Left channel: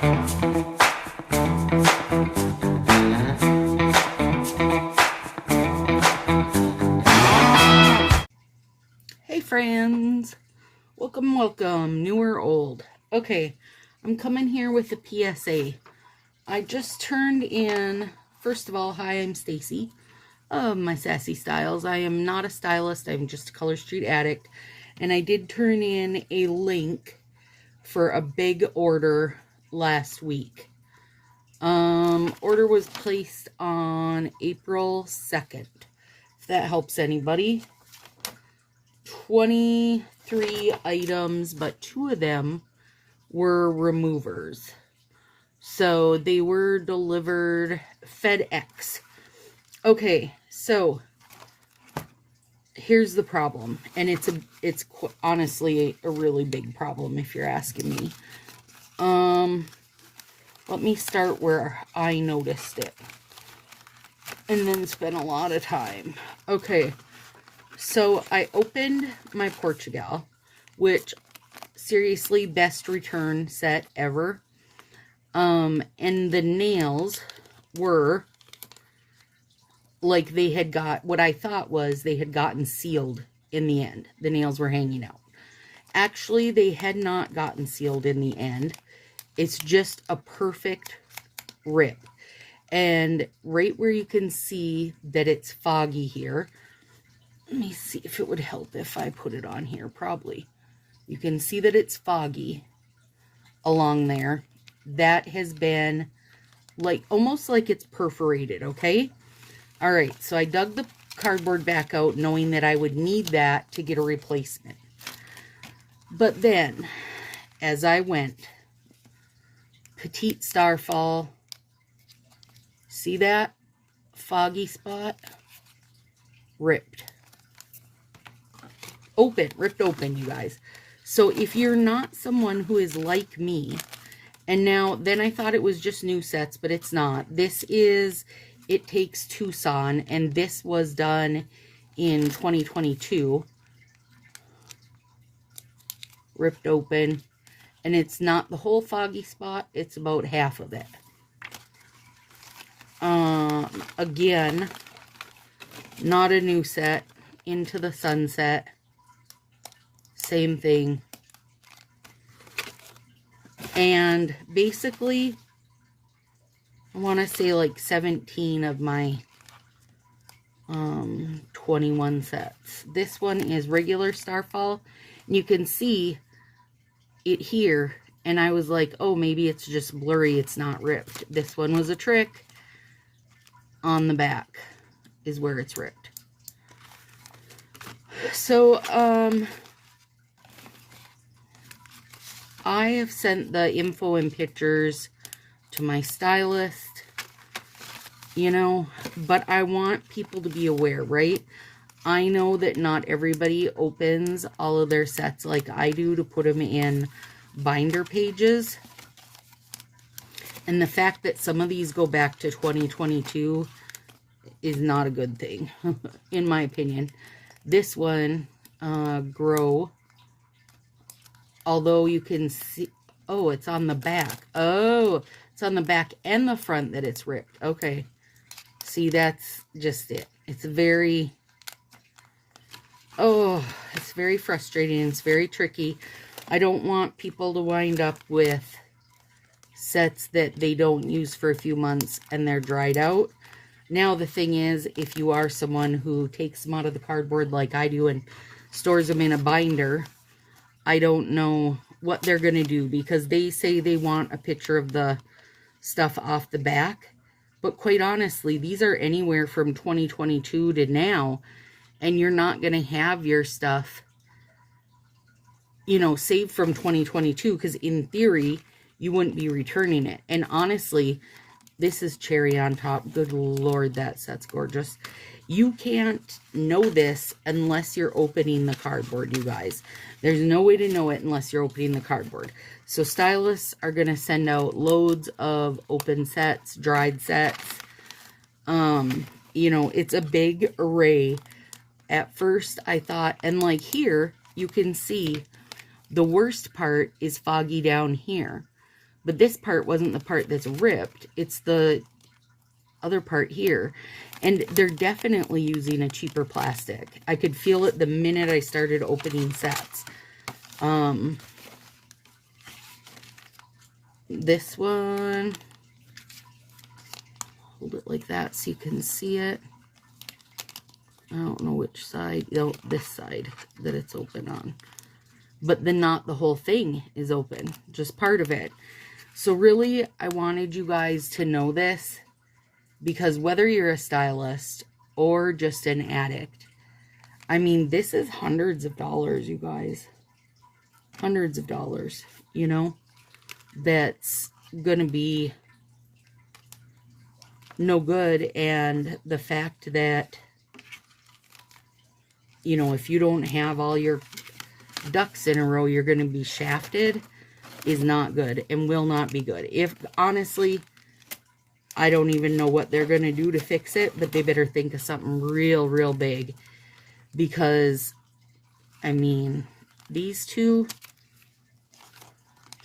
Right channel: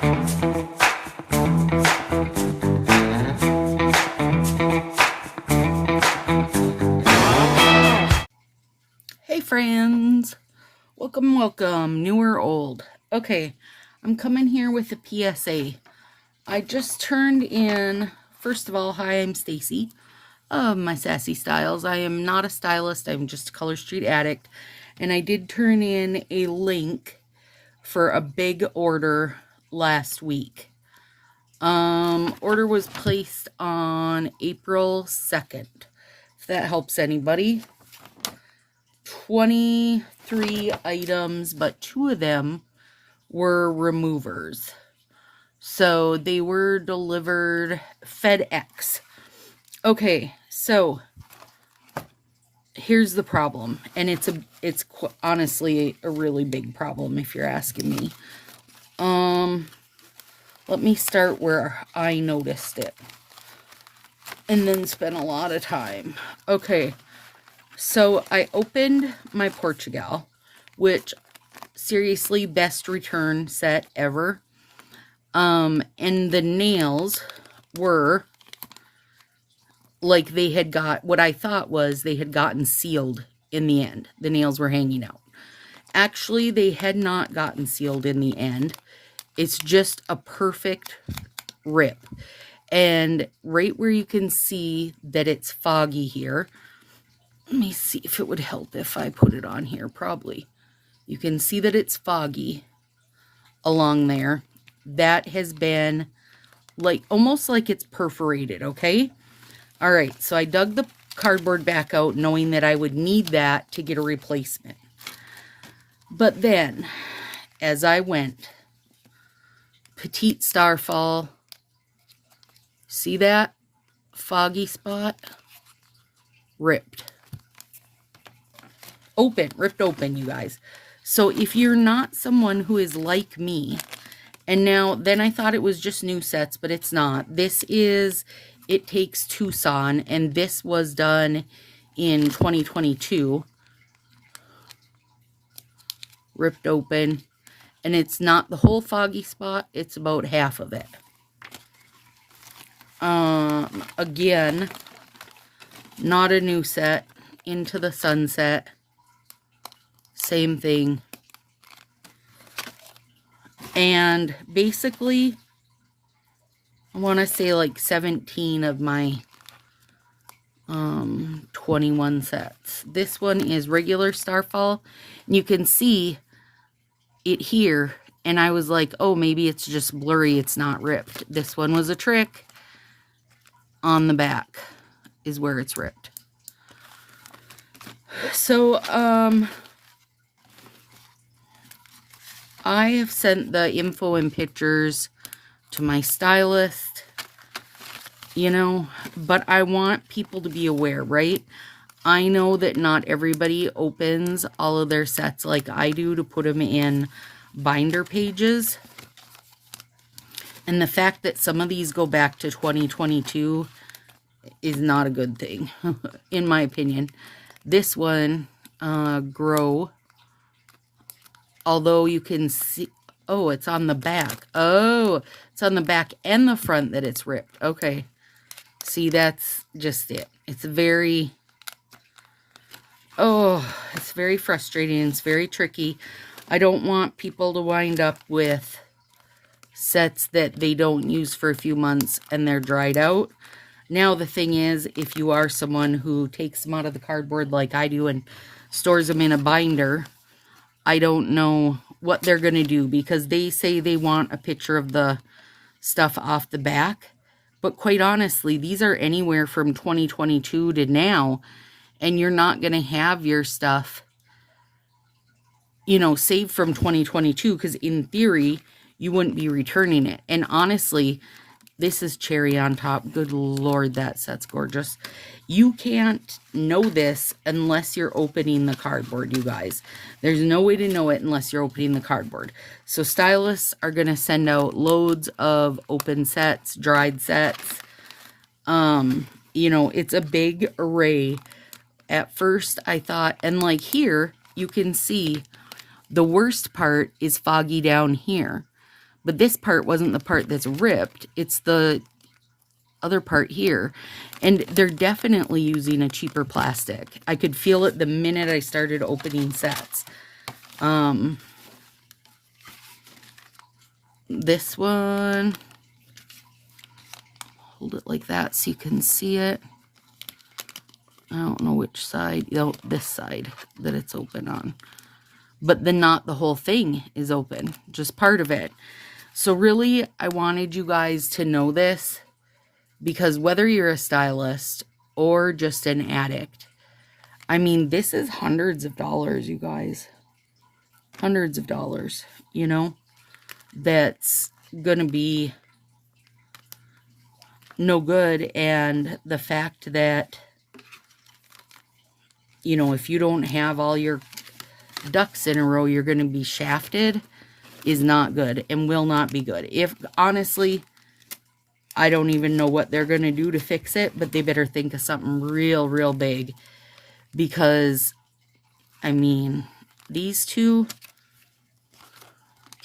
Hey friends, welcome, new or old. Okay, I'm coming here with a PSA. I just turned in, first of all, hi, I'm Stacy of my Sassy Styles. I am not a stylist, I'm just a Color Street addict. And I did turn in a link for a big order last week. Order was placed on April 2nd, if that helps anybody. 23 items, but 2 of them were removers. So they were delivered FedEx. Okay, so here's the problem, and it's honestly a really big problem if you're asking me. Let me start where I noticed it and then spend a lot of time. Okay. So I opened my Portugal, which seriously best return set ever. And the nails were like they had got, what I thought was they had gotten sealed in the end. The nails were hanging out. Actually, they had not gotten sealed in the end. It's just a perfect rip. And right where you can see that it's foggy here, let me see if it would help if I put it on here. Probably. You can see that it's foggy along there. That has been like almost like it's perforated, okay? All right, so I dug the cardboard back out knowing that I would need that to get a replacement. But then, as I went, petite starfall, see that foggy spot? Ripped. Ripped open, you guys. So if you're not someone who is like me, and now, then I thought it was just new sets, but it's not. This is It Takes Tucson, and this was done in 2022. Ripped open, and it's not the whole foggy spot, it's about half of it. Again, not a new set. Into the Sunset. Same thing. And basically, I want to say like 17 of my 21 sets. This one is regular Starfall. And you can see it here. And I was like, oh, maybe it's just blurry. It's not ripped. This one was a trick. On the back is where it's ripped. So, I have sent the info and pictures to my stylist, you know, but I want people to be aware, right? I know that not everybody opens all of their sets like I do to put them in binder pages. And the fact that some of these go back to 2022 is not a good thing, in my opinion. This one, Grow, although you can see, oh, it's on the back. Oh, it's on the back and the front that it's ripped. Okay. See, that's just it. It's very, it's very frustrating. It's very tricky. I don't want people to wind up with sets that they don't use for a few months and they're dried out. Now, the thing is, if you are someone who takes them out of the cardboard like I do and stores them in a binder, I don't know what they're going to do, because they say they want a picture of the stuff off the back. But quite honestly, these are anywhere from 2022 to now, and you're not going to have your stuff, you know, saved from 2022, because in theory, you wouldn't be returning it. And honestly, this is cherry on top. Good Lord, that set's gorgeous. You can't know this unless you're opening the cardboard, you guys. There's no way to know it unless you're opening the cardboard. So stylists are going to send out loads of open sets, dried sets. You know, it's a big array. At first, I thought, and like here, you can see the worst part is foggy down here. But this part wasn't the part that's ripped. It's the other part here. And they're definitely using a cheaper plastic. I could feel it the minute I started opening sets. This one, hold it like that so you can see it. I don't know which side, this side that it's open on. But not the whole thing is open, just part of it. So really, I wanted you guys to know this, because whether you're a stylist or just an addict, I mean, this is hundreds of dollars, you guys. Hundreds of dollars, you know, that's gonna be no good. And the fact that, you know, if you don't have all your ducks in a row, you're going to be shafted, is not good and will not be good. If, honestly, I don't even know what they're going to do to fix it, but they better think of something real, real big. Because, I mean, these two,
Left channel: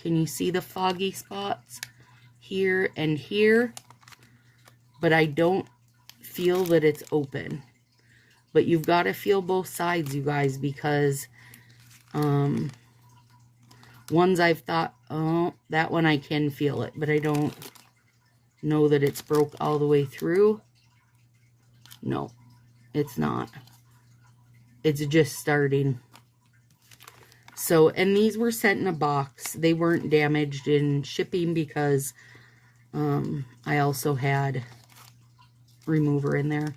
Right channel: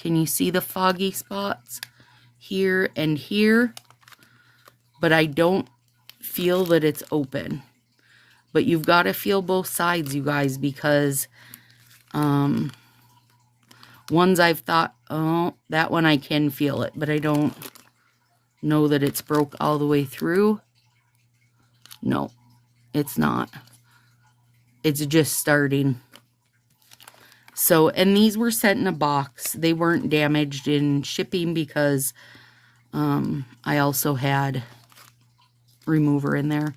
can you see the foggy spots here and here? But I don't feel that it's open. But you've got to feel both sides, you guys, because ones I've thought, oh, that one I can feel it, but I don't know that it's broke all the way through. No, it's not. It's just starting. So, and these were sent in a box. They weren't damaged in shipping because I also had remover in there.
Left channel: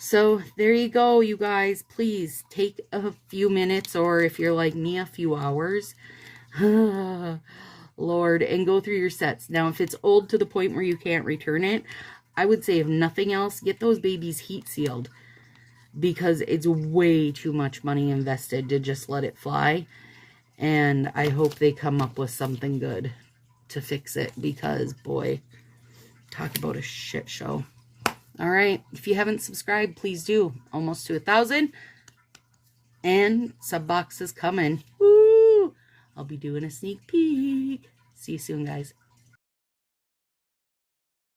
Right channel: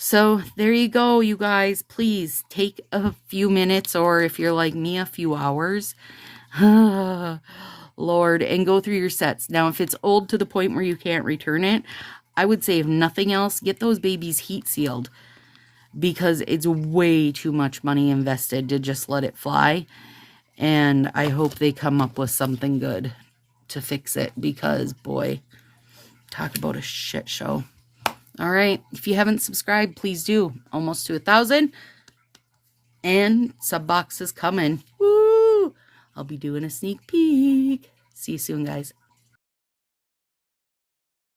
So there you go, you guys. Please take a few minutes, or if you're like me, a few hours, Lord, and go through your sets. Now, if it's old to the point where you can't return it, I would say, if nothing else, get those babies heat sealed, because it's way too much money invested to just let it fly. And I hope they come up with something good to fix it, because boy, talk about a shit show. All right, if you haven't subscribed, please do. Almost to 1,000. And sub box is coming. Woo! I'll be doing a sneak peek. See you soon, guys.